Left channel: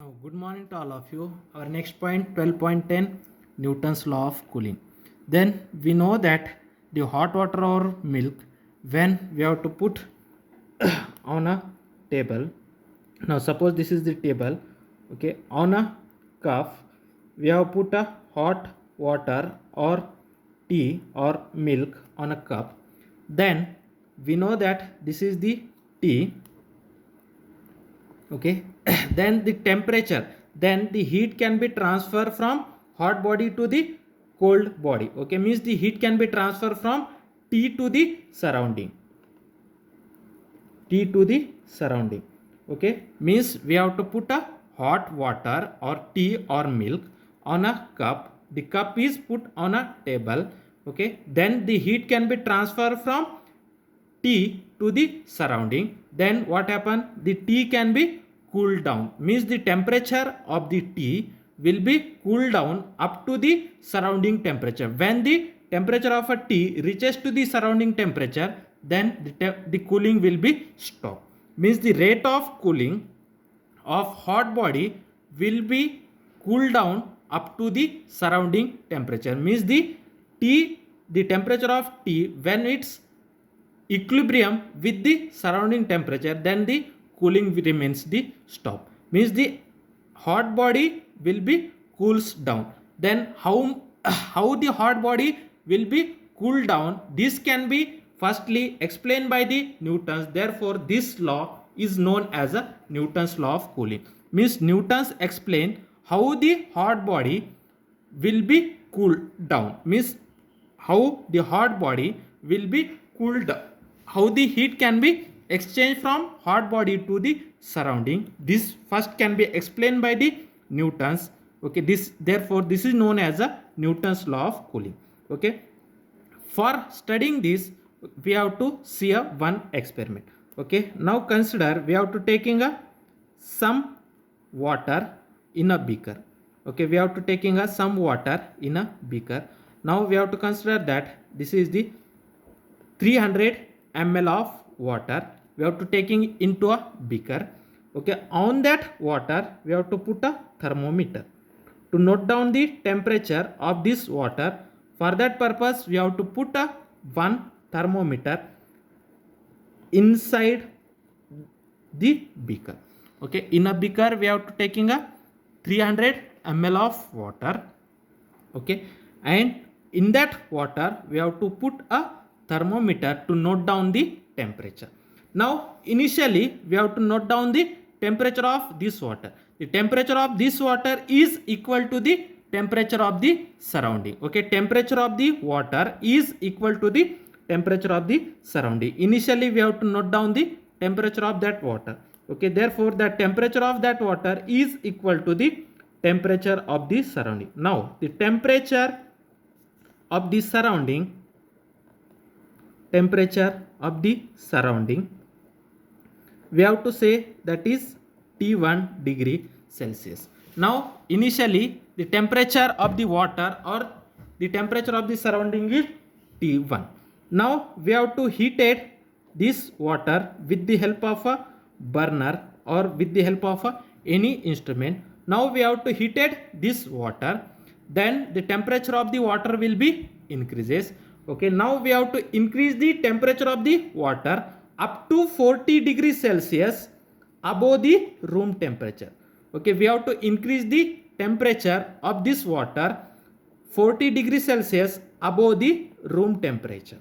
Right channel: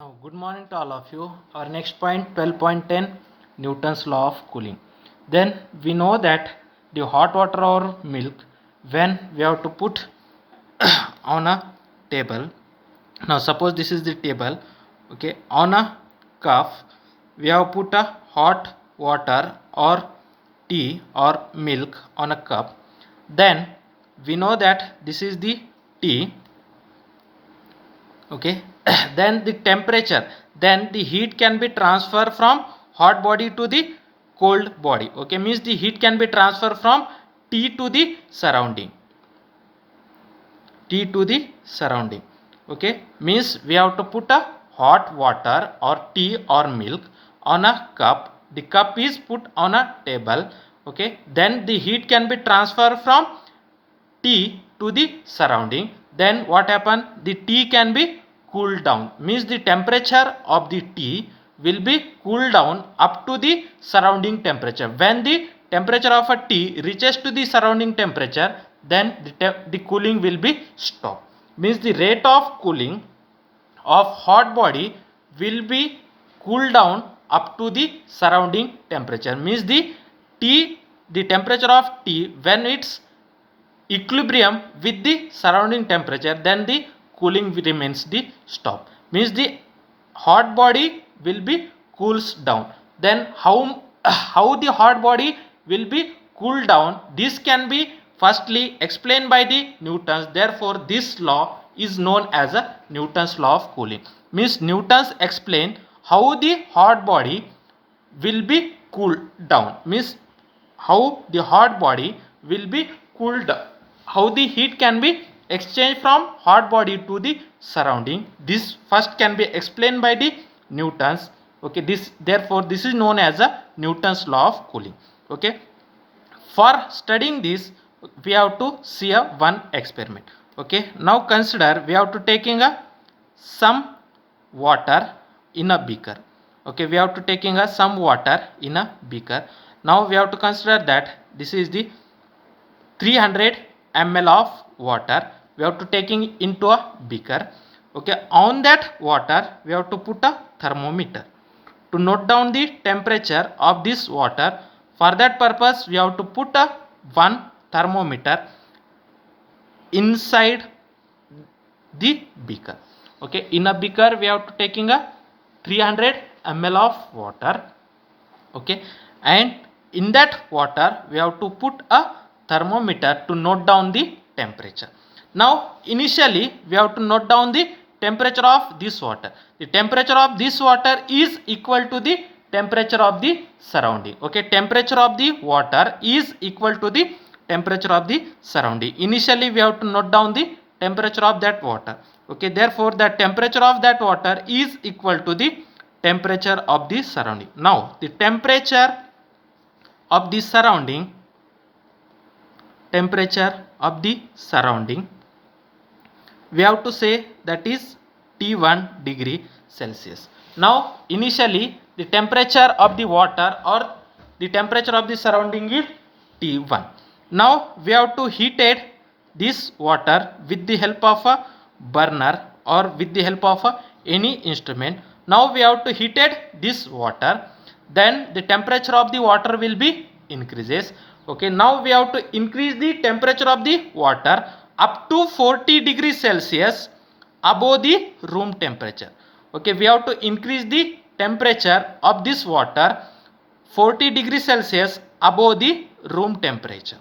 Now, good morning to all of you. Our next point 12.10 Newton's law of cooling. Then we know that the hot water or milk, when we have to put on a table. Now suppose this is the table. Okay, on a cup we have put a hot water or tea or milk on a cup. Then we know that this is the tea. Okay, then the temperature, then the heat can be transferred from hot body to the cold body. Okay, means the heat can be transferred from T to the surrounding. Okay, means we have to put a hot water or tea or milk on a cup. The cup is put on a table. Okay, then the heat can be transferred from T to the surrounding. Then what happen? The tea can be cooled down. Means the temperature of the tea will be cooled down up to the surrounding temperature. When the temperature of a tea reaches to the surrounding temperature, then the cooling will be stopped. Means the rate of cooling of hot body will be cooled down up to the surrounding temperature. Means the temperature of tea, when it's equilibrium with the surrounding temperature, then the cooling remains the stop. Means the hot body will be cools down. Then how the hot body will be cooled down, this can be firstly explained by the Newton's. Therefore this law is known as a Newton's law of cooling. Means Newton's explain how the hot body will be cooled down. Means how the hot body will be cooled down, how the heat can be exchanged from hot body to the surrounding. This first can be explained by the Newton's. Okay, therefore this is known as a Newton's law of cooling. Okay, for studying this we have to see a one experiment. Okay, now consider we have to taking a some water in a beaker. Okay, we have to taking a some water in a beaker. Now we have to consider that this is the 300 ml of water we have to taking into a beaker. Okay, on that water we have to put a thermometer to note down the temperature of this water. For that purpose we have to put a one thermometer inside the beaker. Okay, in a beaker we have to taking a 300 ml of water. Okay, and in that water we have to put a thermometer to note down the temperature. Now initially we have to note down the temperature of this water. The temperature of this water is equal to the temperature of the surrounding. Okay, temperature of the water is equal to the temperature of the surrounding. Initially we have to note down the temperature of that water. Okay, therefore the temperature of that water is equal to the temperature of the surrounding. Now the temperature of the surrounding we have to say that is T1 degree Celsius. Now initially the temperature of the water or the temperature of the surrounding is T1. Now we have to heated this water with the help of a burner or with the help of any instrument. Now we have to heated this water, then the temperature of the water will be increases. Okay, now we have to increase the temperature of the water up to 40 degrees Celsius above the room temperature. Okay, we have to increase the temperature of this water 40 degrees Celsius above the room temperature.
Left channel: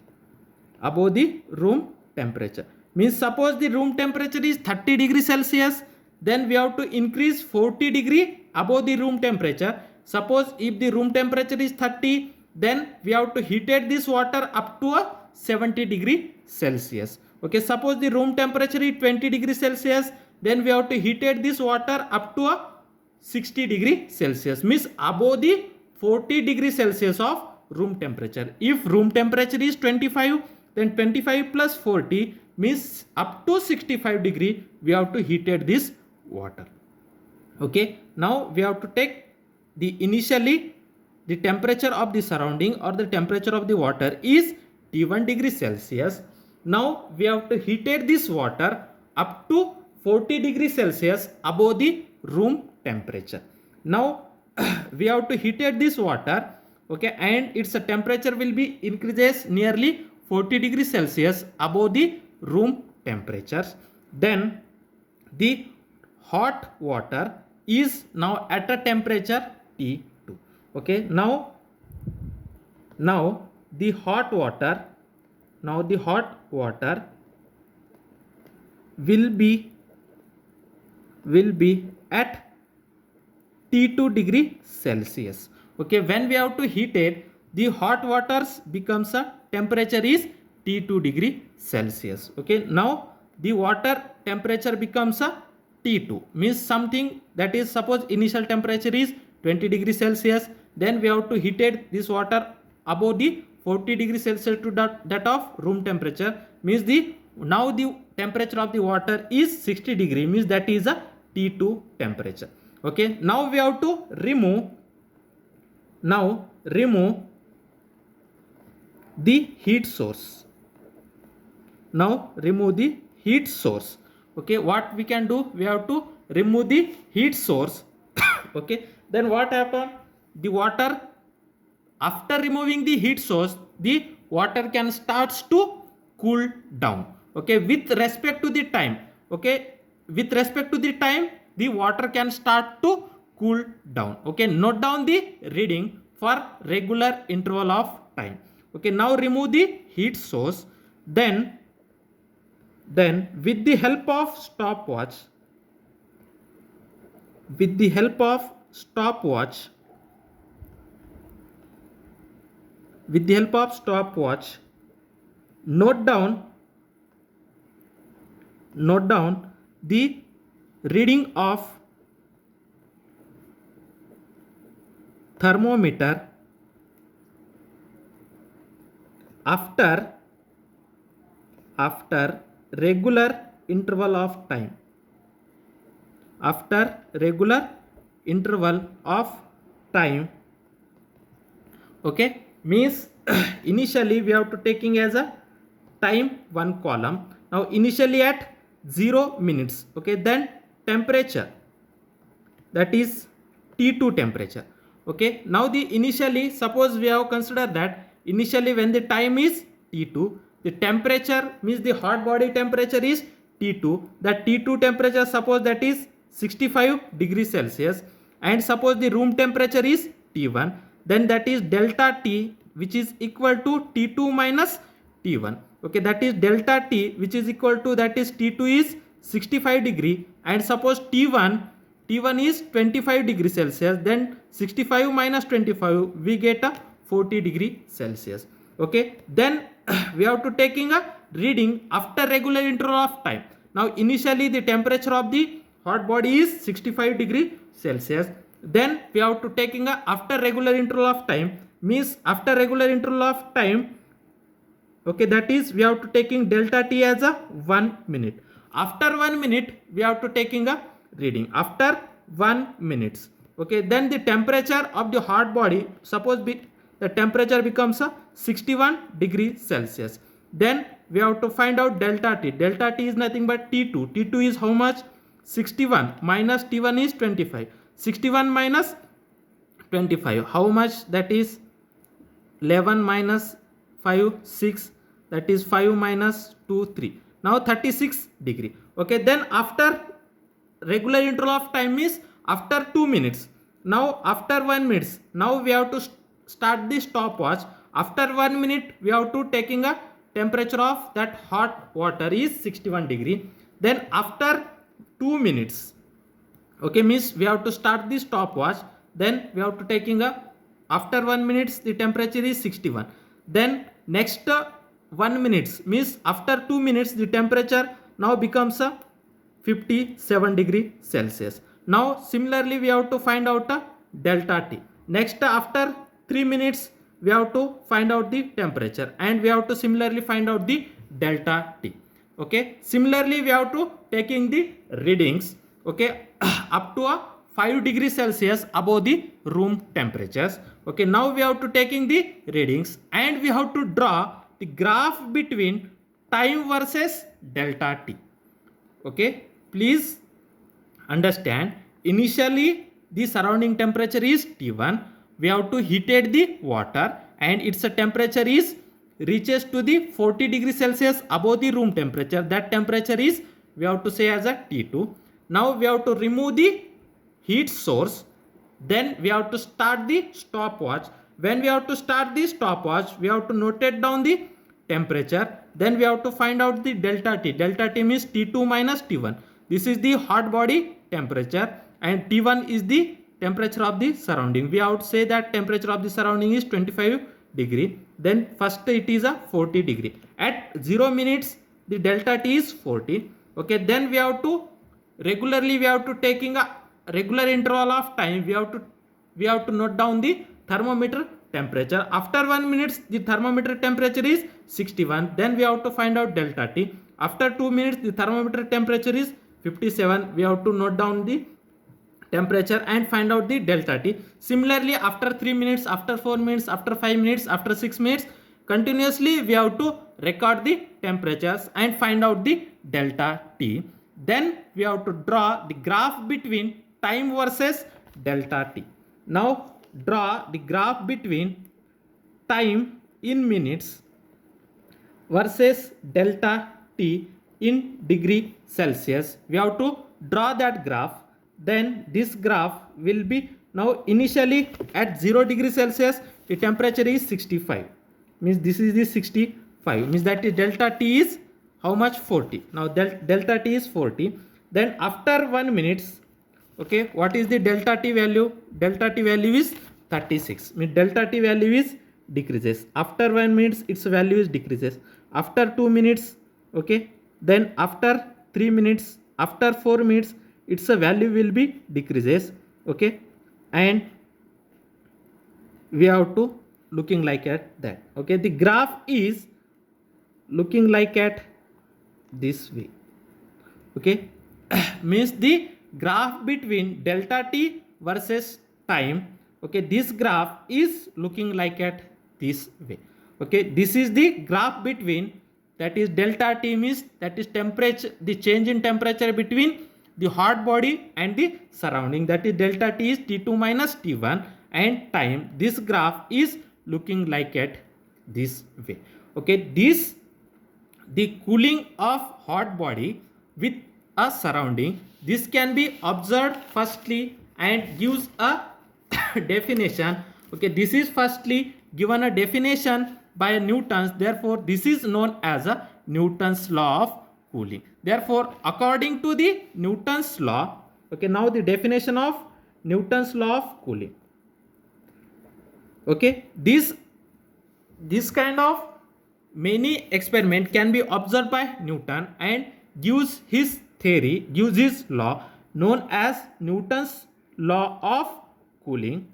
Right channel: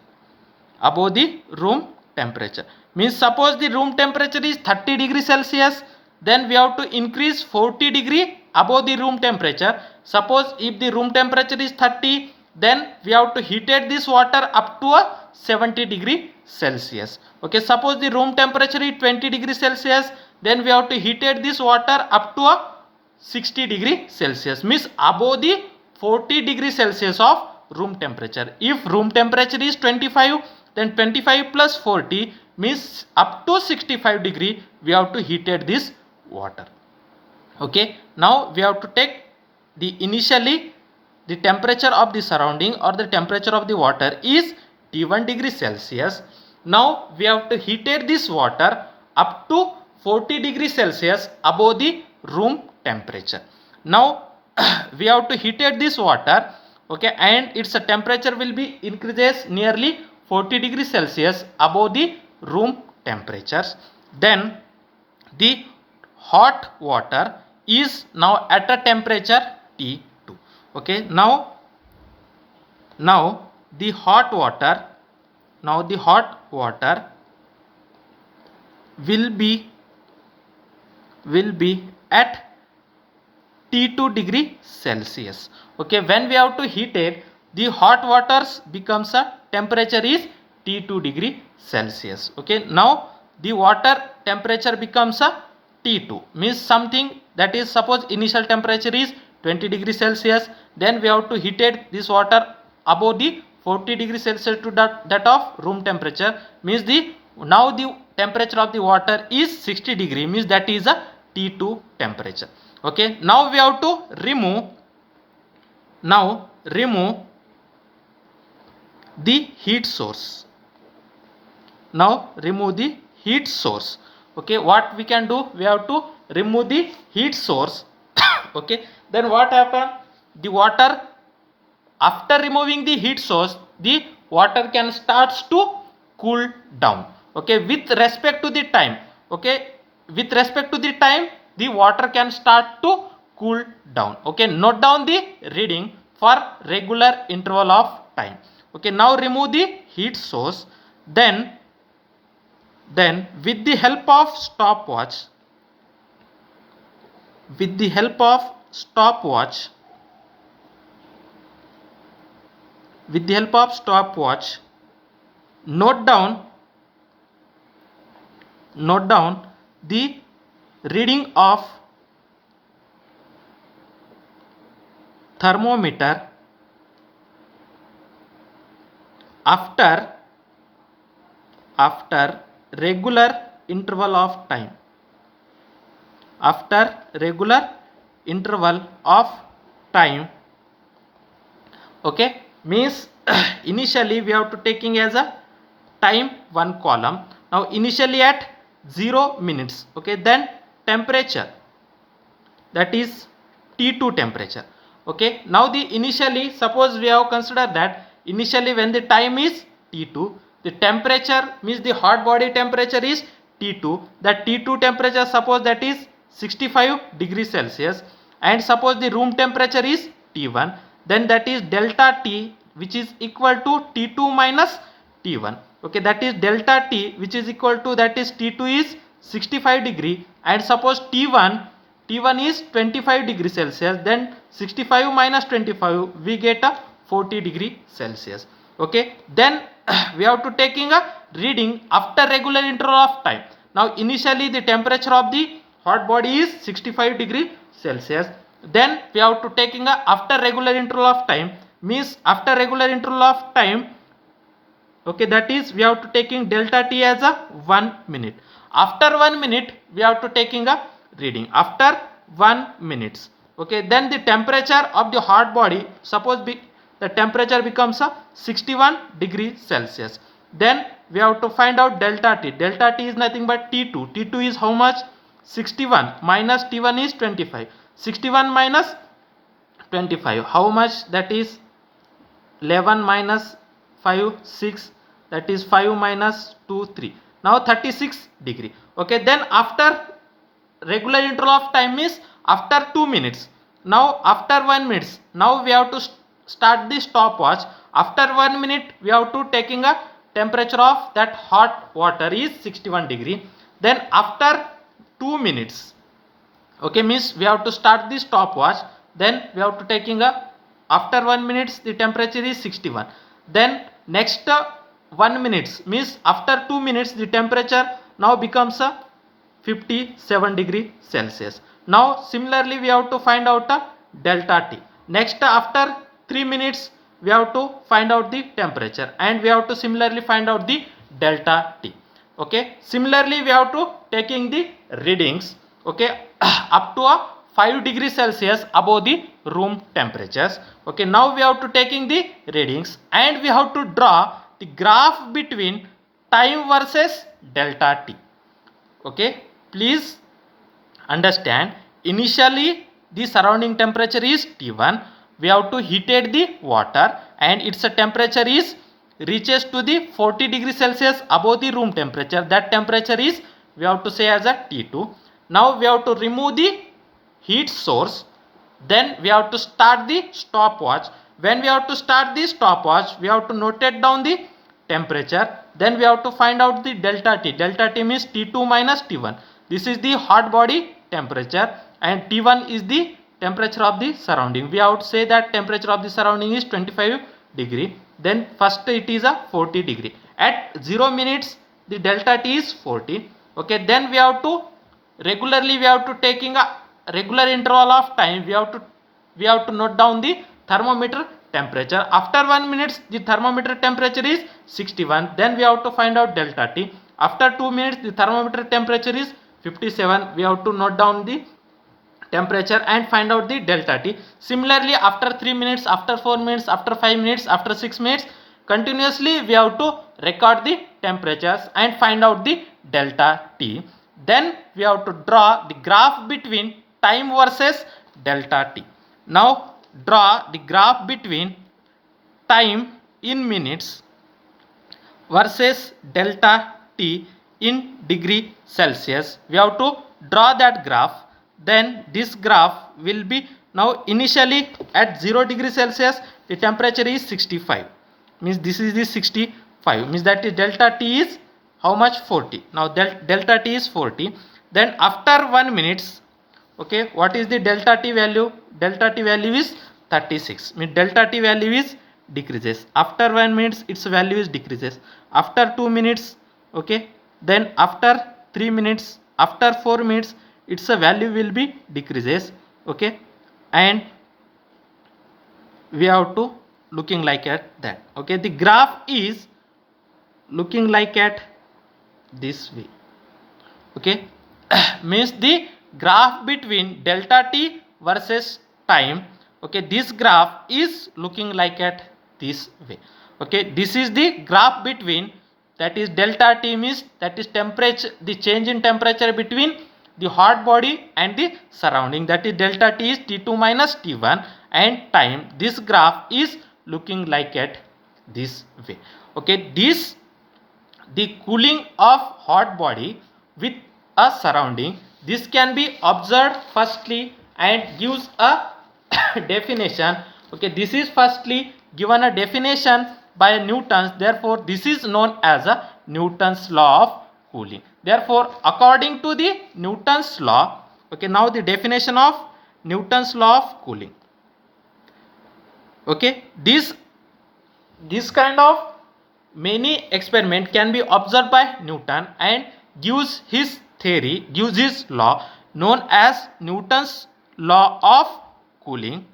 Means suppose the room temperature is 30 degrees Celsius, then we have to increase 40 degree above the room temperature. Suppose if the room temperature is 30, then we have to heated this water up to a 70 degree Celsius. Okay, suppose the room temperature is 20 degrees Celsius, then we have to heated this water up to a 60 degree Celsius. Means above the 40 degree Celsius of room temperature. If room temperature is 25, then 25 plus 40 means up to 65 degree we have to heated this water. Okay, now we have to take the initially the temperature of the surrounding or the temperature of the water is T1 degree Celsius. Now we have to heated this water up to 40 degrees Celsius above the room temperature. Now we have to heated this water, okay, and its temperature will be increases nearly 40 degrees Celsius above the room temperatures. Then the hot water is now at a temperature T2. Okay, now the hot water will be at T2 degree Celsius. Okay, when we have to heat it, the hot waters becomes a temperature is T2 degree Celsius. Okay, now the water temperature becomes a T2, means something that is, suppose initial temperature is 20 degrees Celsius, then we have to heat it this water above the 40 degrees Celsius to that of room temperature, means now the temperature of the water is 60 degree, means that is a T2 temperature. Okay, now we have to remove the heat source. Now remove the heat source. Okay, what we can do, we have to remove the heat source. Okay, then what happen, the water, after removing the heat source, the water can starts to cool down. Okay, with respect to the time. Okay, with respect to the time, the water can start to cool down. Okay, note down the reading for regular interval of time. Okay, now remove the heat source. Then with the help of stopwatch, note down the reading of thermometer after regular interval of time. Okay, means initially we have to taking as a time one column. Now initially at 0 minutes. Okay, then temperature, that is T2 temperature. Okay, now the initially, suppose we have considered that initially when the time is T2, the temperature, means the hot body temperature is T2. That T2 temperature, suppose that is 65 degrees Celsius, and suppose the room temperature is T1, then that is delta T, which is equal to T2 minus T1. Okay, that is delta T, which is equal to, that is T2 is 65 degree, and suppose T1 is 25 degree Celsius, then 65 minus 25 we get a 40 degree Celsius. Okay, then we have to taking a reading after regular interval of time. Now initially the temperature of the hot body is 65 degree Celsius, then we have to taking a after regular interval of time, means after regular interval of time. Okay, that is we have to taking delta T as a 1 minute. After 1 minute we have to taking a reading after 1 minute. Okay, then the temperature of the hot body, suppose the temperature becomes a 61 degree Celsius, then we have to find out delta T. Delta T is nothing but T2. T2 is how much? 61 minus T1 is 25. 61 minus 25, how much? That is 11 minus 5, 6, that is 5 minus 2, 3. Now 36 degree. Okay, then after regular interval of time is after 2 minutes. Now after 1 minute, now we have to start the stopwatch. After 1 minute we have to taking a temperature of that hot water is 61 degree. Then after 2 minutes, okay, means we have to start the stopwatch. Then we have to taking a, after 1 minute the temperature is 61. Then next 1 minute, means after 2 minutes the temperature now becomes a 57 degree Celsius. Now similarly we have to find out a delta T. Next after 3 minutes we have to find out the temperature, and we have to similarly find out the delta T. Okay, similarly we have to taking the readings, okay, up to a 5 degrees Celsius above the room temperatures. Okay, now we have to taking the readings, and we have to draw the graph between time versus delta T. Okay, please understand, initially the surrounding temperature is T1. We have to heated the water and its temperature is reaches to the 40 degrees Celsius above the room temperature. That temperature is we have to say as a T2. Now we have to remove the heat source. Then we have to start the stopwatch. When we have to start the stopwatch, we have to notate down the temperature. Then we have to find out the delta T. Delta T means T2 minus T1. This is the hot body temperature and T1 is the temperature of the surrounding. We have to say that temperature of the surrounding is 25 degree. Then first it is a 40 degree. At 0 minutes the delta T is 40. Okay, then we have to regularly we have to taking a regular interval of time we have to note down the thermometer temperature. After 1 minute the thermometer temperature is 61. Then we have to find out delta T. After 2 minutes the thermometer temperature is 57. We have to note down the temperature and find out the delta T. Similarly, after 3 minutes, after 4 minutes, after 5 minutes, after 6 minutes, continuously we have to record the temperatures and find out the delta T. Then we have to draw the graph between time versus delta T. Now draw the graph between time in minutes versus delta T in degree Celsius. We have to draw that graph. Then this graph will be now initially at 0 degree Celsius the temperature is 65, means this is the 65, means that the delta T is how much? 40. Now delta T is 40. Then after 1 minute, okay, what is the delta T value? Delta T value is 36, means delta T value is decreases. After 1 minute its value is decreases. After 2 minutes, okay, then after 3 minutes, after 4 minutes its value will be decreases. Okay, and we have to looking like at that. Okay, the graph is looking like at this way. Okay, means the graph between delta T versus time. Okay, this graph is looking like at this way. Okay, this is the graph between, that is delta T means that is temperature, the change in temperature between the hot body and the surrounding, that is delta T is T2 minus T1, and time, this graph is looking like at this way. Okay, this the cooling of hot body with a surrounding, this can be observed firstly and gives a definition. Okay, this is firstly given a definition by Newton's, therefore this is known as a Newton's law of cooling. Therefore according to the Newton's law, okay, now the definition of Newton's law of cooling. Okay, this kind of many experiment can be observed by Newton and gives his theory, gives his law known as Newton's law of cooling.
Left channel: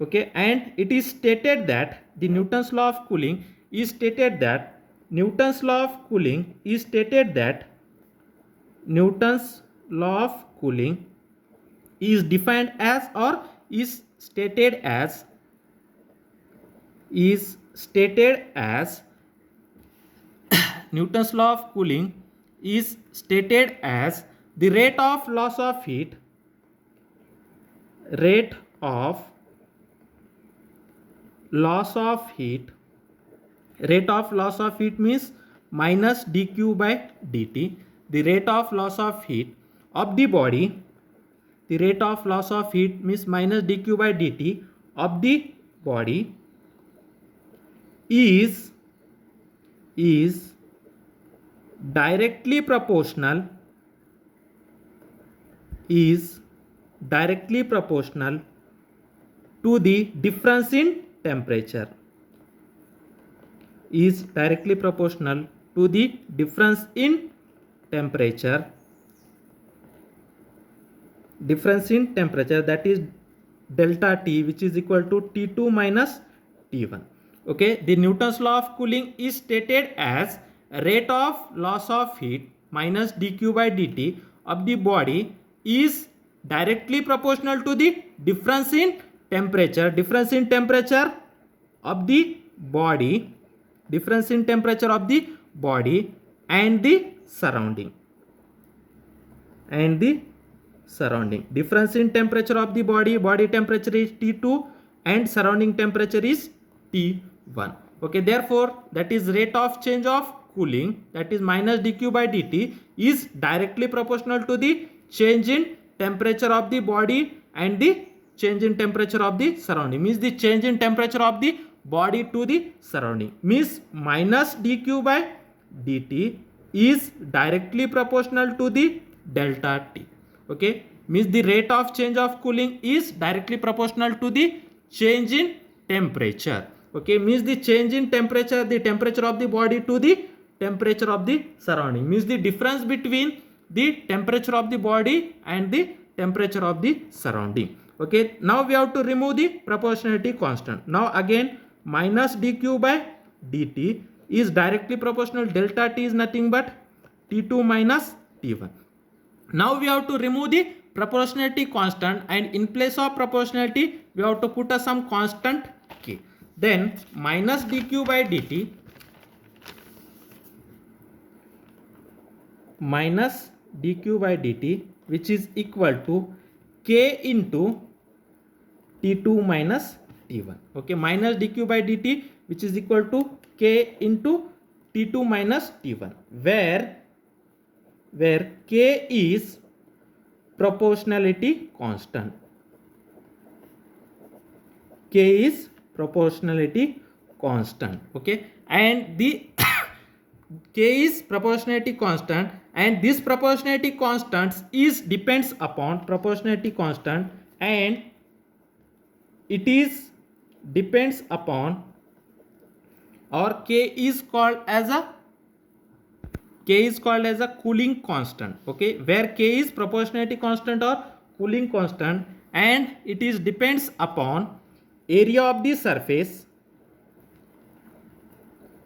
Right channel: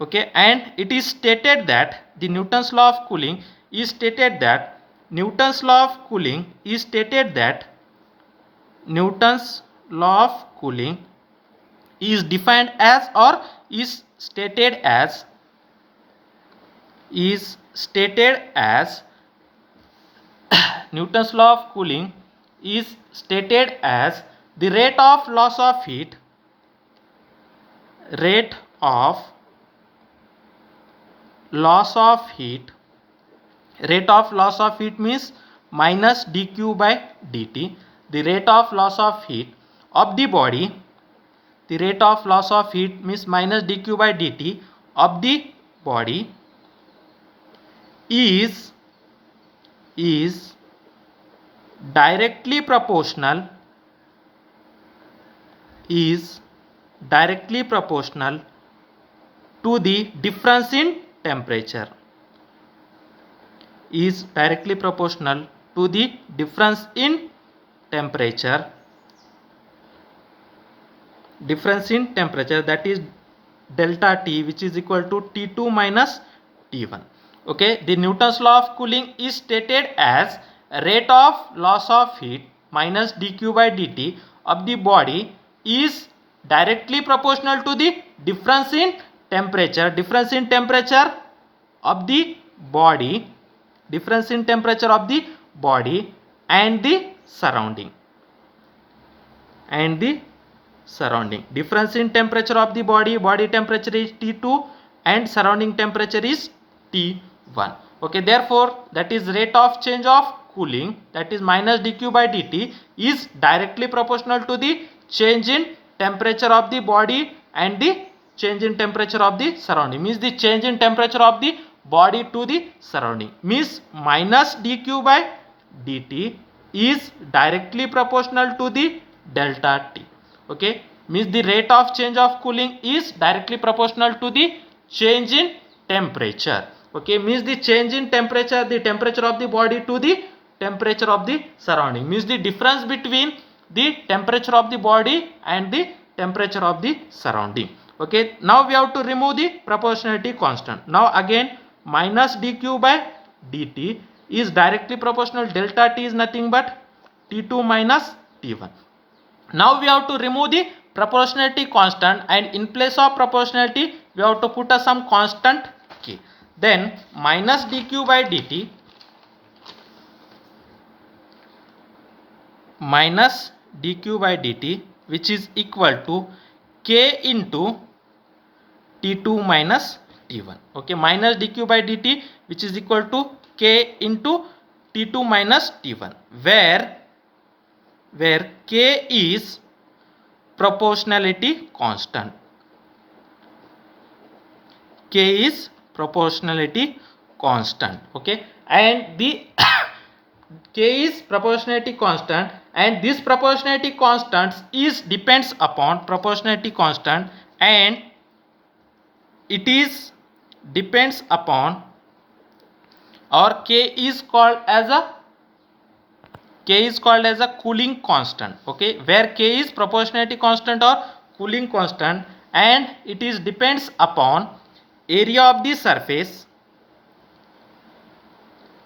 Okay, and it is stated that the Newton's law of cooling is stated that Newton's law of cooling is stated that Newton's law of cooling is defined as, or is stated as Newton's law of cooling is stated as the rate of loss of heat means minus dq by dt. The rate of loss of heat of the body, the rate of loss of heat means minus dq by dt of the body is directly proportional to the difference in temperature, is directly proportional to the difference in temperature, that is delta T, which is equal to T2 minus T1. Okay, the Newton's law of cooling is stated as rate of loss of heat minus dq by dt of the body is directly proportional to the difference in temperature of the body, and the surrounding, surrounding. Difference in temperature of the body temperature is T2 and surrounding temperature is T1. Okay, therefore that is rate of change of cooling, that is minus dq by dt, is directly proportional to the change in temperature of the body and the change in temperature of the surrounding. Means the change in temperature of the body to the surrounding, means minus dq by dt is directly proportional to the delta T. Okay, means the rate of change of cooling is directly proportional to the change in temperature. Okay, means the change in temperature, the temperature of the body to the temperature of the surrounding, means the difference between the temperature of the body and the temperature of the surrounding. Okay, now we have to remove the proportionality constant. Now again minus dq by dt is directly proportional, delta T is nothing but T2 minus T1. Now we have to remove the proportionality constant, and in place of proportionality we have to put some constant k. Then minus dq by dt minus dq by dt, which is equal to k into T2 minus T1. Okay, minus dq by dt which is equal to k into T2 minus T1, where k is proportionality constant. K is proportionality constant. Okay, and the k is proportionality constant, and this proportionality constant is depends upon proportionality constant, and it is depends upon, or k is called as a cooling constant. Okay, where k is proportionality constant or cooling constant, and it is depends upon area of the surface.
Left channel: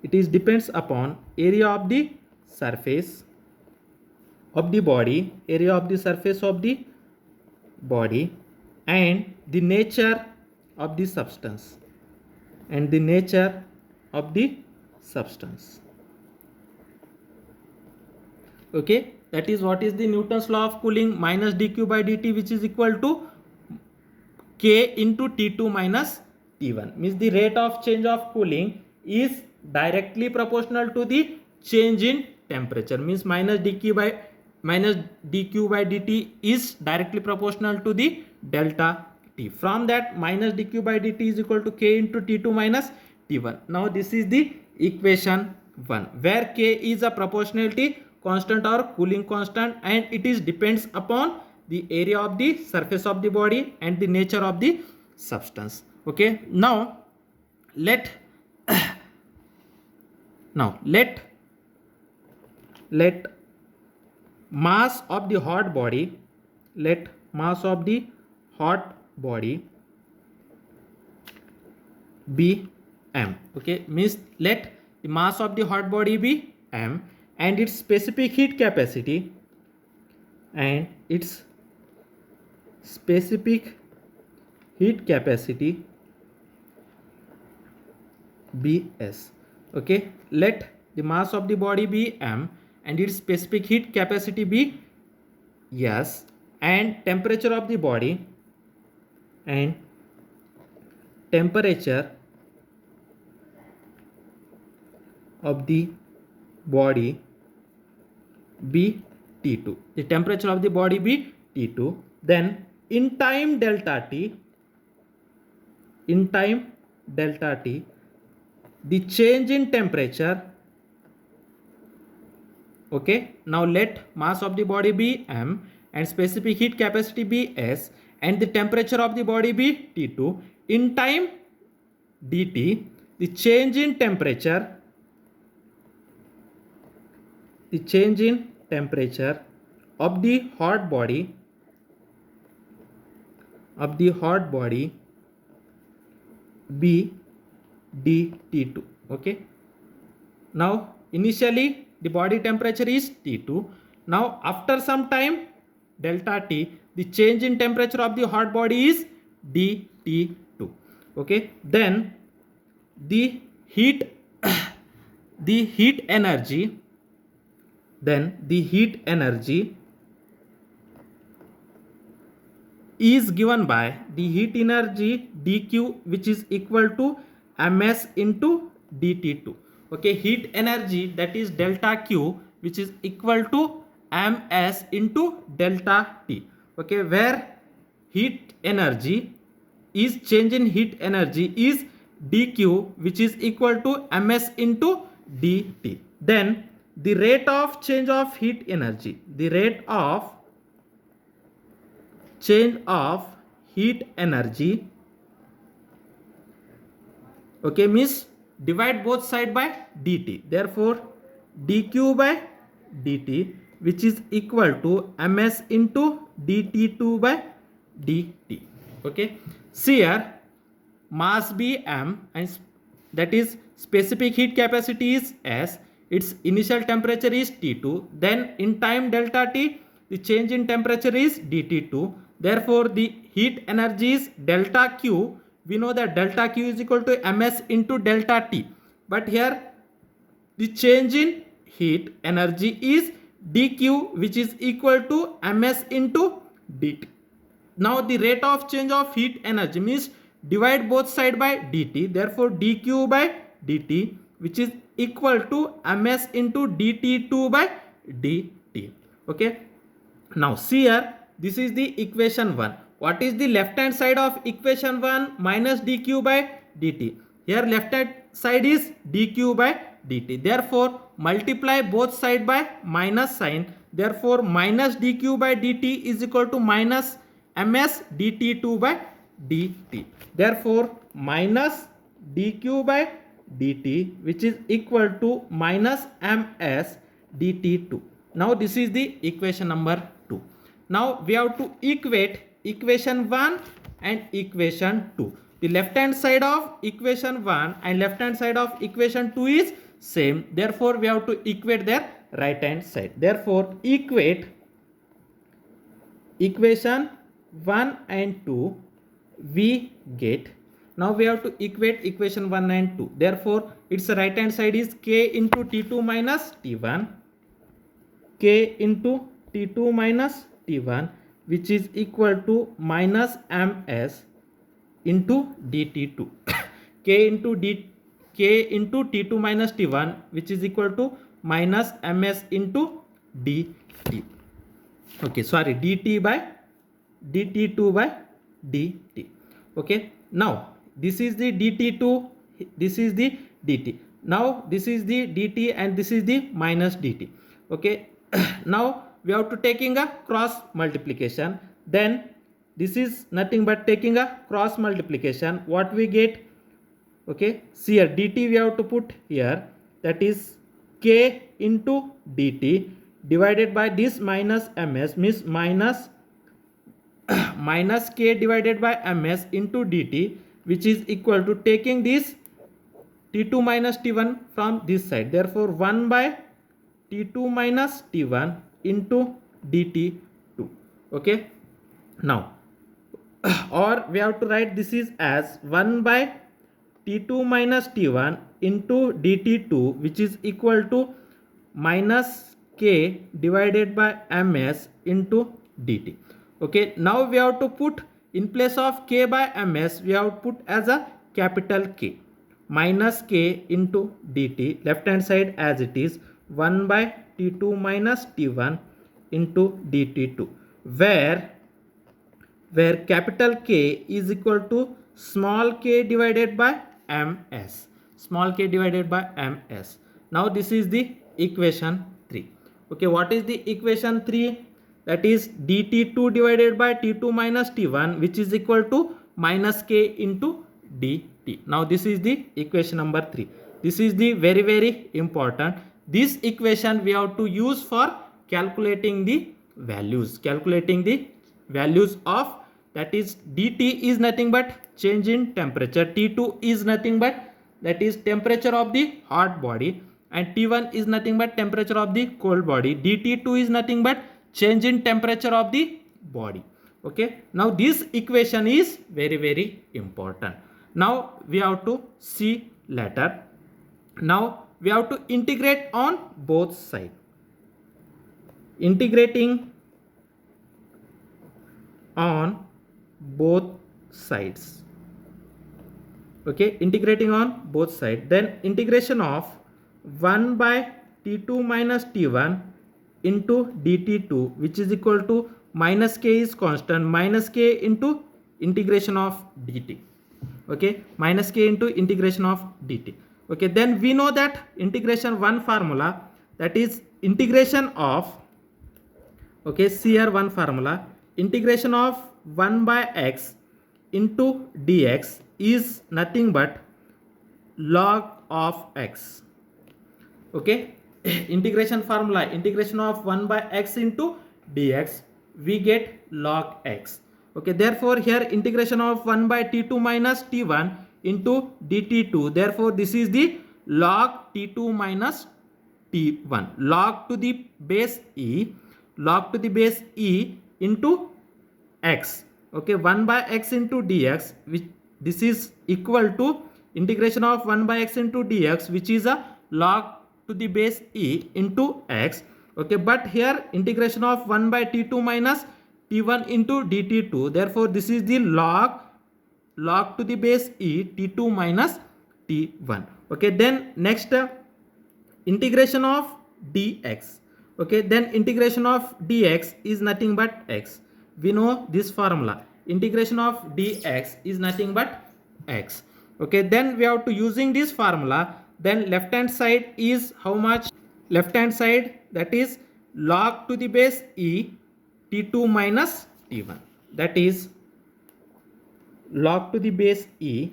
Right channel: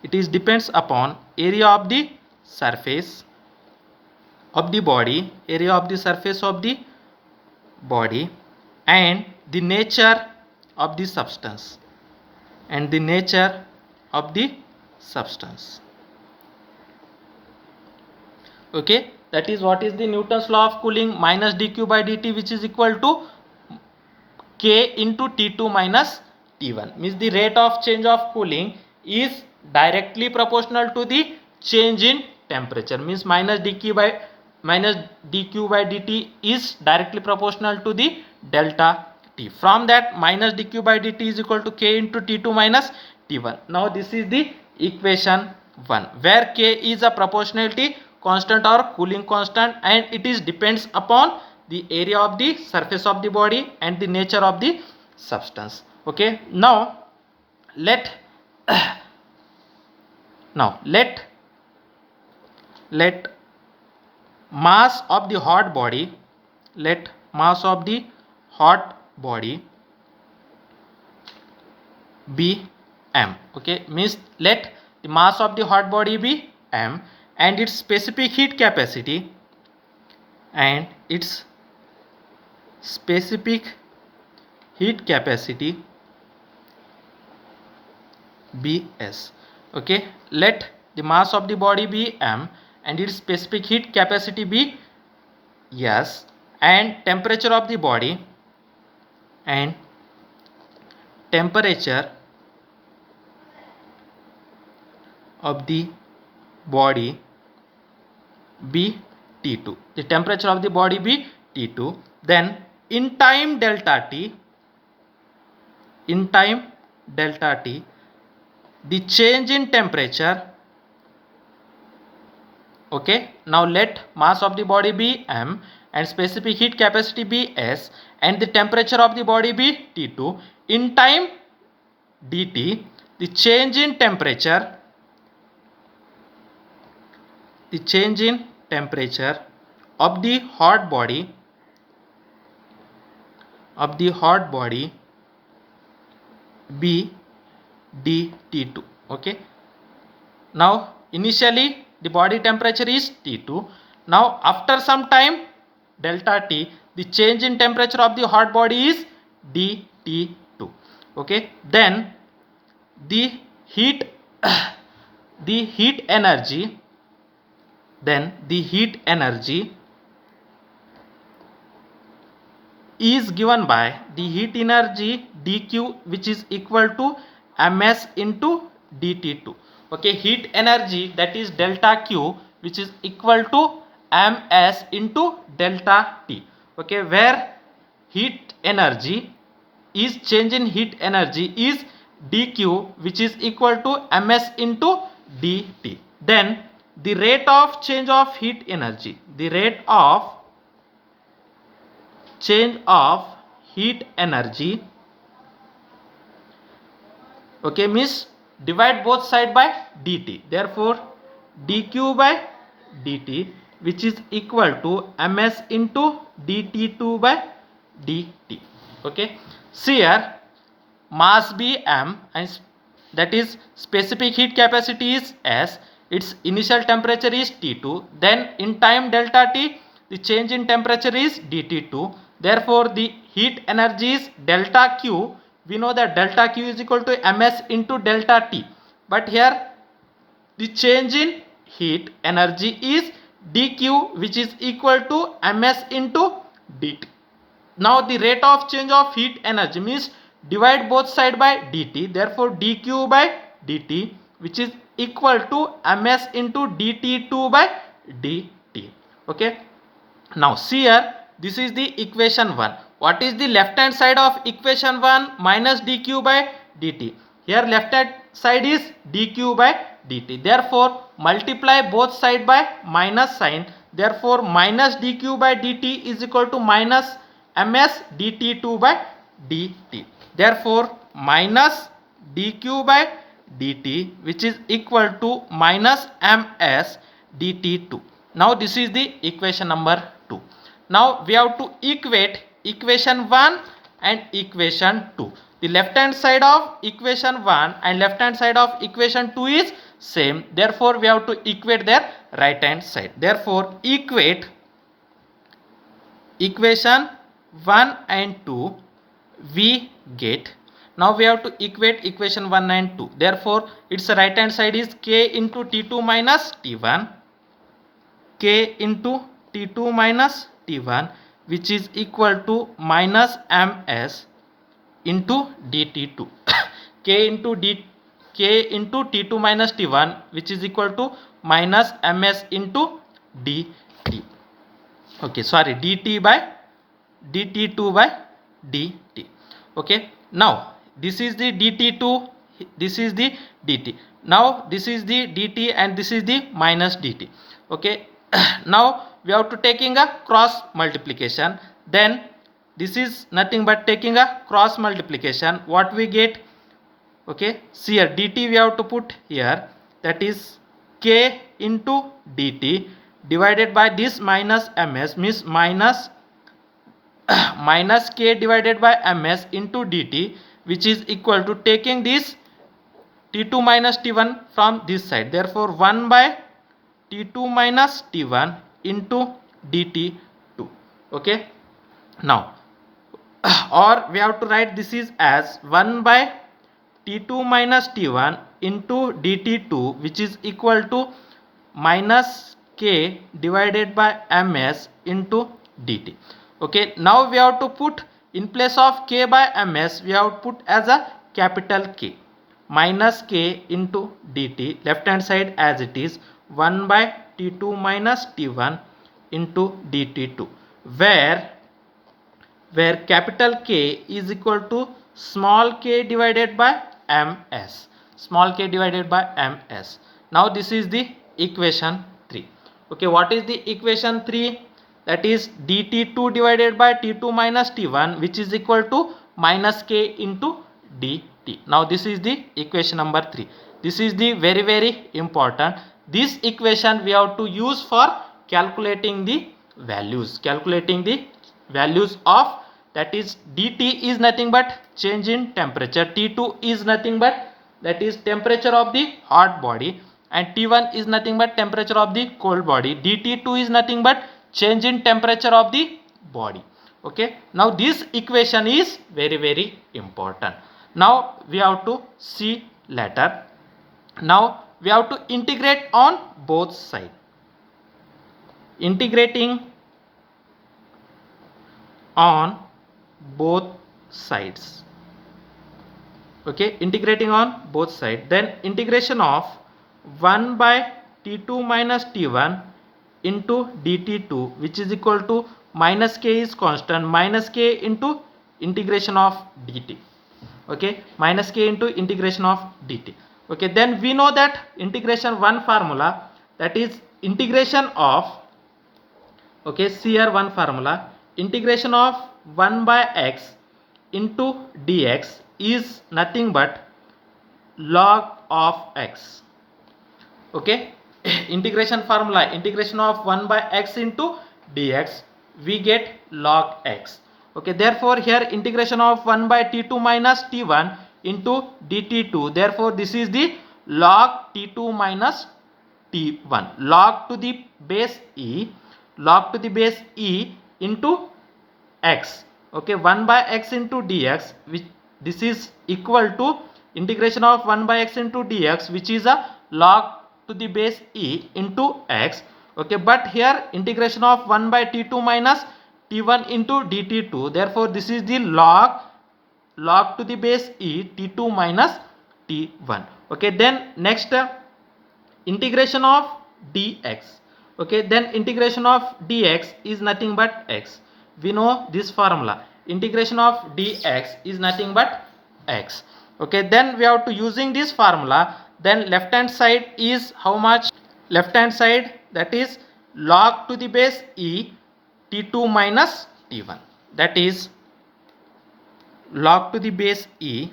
It is depends upon area of the surface of the body, area of the surface of the body, and the nature of the substance, and the nature of the substance. Okay, that is what is the Newton's law of cooling, minus dq by dt, which is equal to k into T2 minus T1. Means the rate of change of cooling is directly proportional to the change in temperature. Means minus dq by dt is directly proportional to the delta T. From that, minus dq by dt is equal to k into T2 minus T1. Now this is the equation 1, where k is a proportionality constant or cooling constant, and it is depends upon the area of the surface of the body and the nature of the substance. Okay, now let mass of the hot body, let mass of the hot body be m. Okay, means let the mass of the hot body be m, and its specific heat capacity, and its specific heat capacity be s. Okay, let the mass of the body be m and its specific heat capacity be s, and temperature of the body, and temperature of the body be T2. The temperature of the body be T2. Then in time delta T, the change in temperature. Okay, now let mass of the body be m and specific heat capacity be s, and the temperature of the body be T2. In time dt, the change in temperature of the hot body be dT2. Okay, now initially the body temperature is T2. Now after some time delta T, the change in temperature of the hot body is dT2. Okay, then the heat energy is given by the heat energy dq, which is equal to ms into dt2. Okay, heat energy, that is delta q, which is equal to ms into delta t. Okay, where heat energy is change in heat energy is dq, which is equal to ms into dt. Then the rate of change of heat energy, the rate of change of heat energy, okay, means divide both side by dt. Therefore dq by dt, which is equal to ms into dt2 by dt. Okay, see here, mass b m, and that is specific heat capacity is s, its initial temperature is T2, then in time delta T, the change in temperature is dt2. Therefore the heat energy is delta q. We know that delta q is equal to ms into delta T, but here the change in heat energy is dq, which is equal to ms into dt. Now the rate of change of heat energy means divide both side by dt. Therefore dq by dt, which is equal to ms into dt2 by dt. Okay, now see here, this is the equation 1. What is the left hand side of equation 1? Minus dq by dt. Here left hand side is dq by dt. Therefore multiply both side by minus sign. Therefore minus dq by dt is equal to minus ms dt2 by dt. Therefore minus dq by dt, which is equal to minus ms dt2. Now this is the equation number 2. Now we have to equate equation 1 and equation 2. The left hand side of equation 1 and left hand side of equation 2 is same. Therefore we have to equate their right hand side. Therefore equate equation 1 and 2, we get, now we have to equate equation 1 and 2. Therefore its right hand side is k into t2 minus t1, k into t2 minus t1, which is equal to minus ms into dt2. k into t2 minus t1, which is equal to minus ms into dt. Okay, sorry, dt by dt2 by dt. Okay, now this is the dt2, this is the dt. Now this is the dt and this is the minus dt. Okay, now we have to taking a cross multiplication. Then this is nothing but taking a cross multiplication. What we get? Okay, see here, dt we have to put here, that is k into dt divided by this minus ms, means minus minus k divided by ms into dt, which is equal to taking this t2 minus t1 from this side. Therefore 1 by t2 minus t1 into dt2. Okay, now or we have to write this is as 1 by t2 minus t1 into dt2, which is equal to minus k divided by ms into dt. Okay, now we have to put in place of k by ms, we have to put as a capital K, minus k into dt, left hand side as it is 1 by t2 minus t1 into dt2, where capital K is equal to small k divided by ms, small k divided by ms. Now this is the equation 3. Okay, what is the equation 3? That is dt2 divided by t2 minus t1, which is equal to minus k into dt. Now this is the equation number 3. This is the very important. This equation we have to use for calculating the values, of, that is dt is nothing but change in temperature, t2 is nothing but that is temperature of the hot body, and t1 is nothing but temperature of the cold body, dt2 is nothing but change in temperature of the body. Okay, now this equation is very important. Now we have to see later. Now we have to integrate on both sides. Integrating on both sides. Okay, integrating on both sides. Then integration of 1 by t2 minus t1 into dt2, which is equal to minus k is constant, minus k into integration of dt. Okay, minus k into integration of dt. Okay, then we know that integration one formula, that is integration of, okay, see here one formula, integration of 1 by x into dx is nothing but log of x. Okay, integration formula, integration of 1 by x into dx, we get log x. Okay, therefore here integration of 1 by t2 minus t1 into dt2, therefore this is the log t2 minus t1, log to the base e, log to the base e into x. Okay, 1 by x into dx, which this is equal to integration of 1 by x into dx, which is a log to the base e into x. Okay, but here integration of 1 by t2 minus t1 into dt2, therefore this is the log to the base e t2 minus t1. Okay, then next integration of dx. Okay, then integration of dx is nothing but x. We know this formula, integration of dx is nothing but x. Okay, then we have to using this formula, then left hand side is how much? Left hand side, that is log to the base e t2 minus t1, that is log to the base e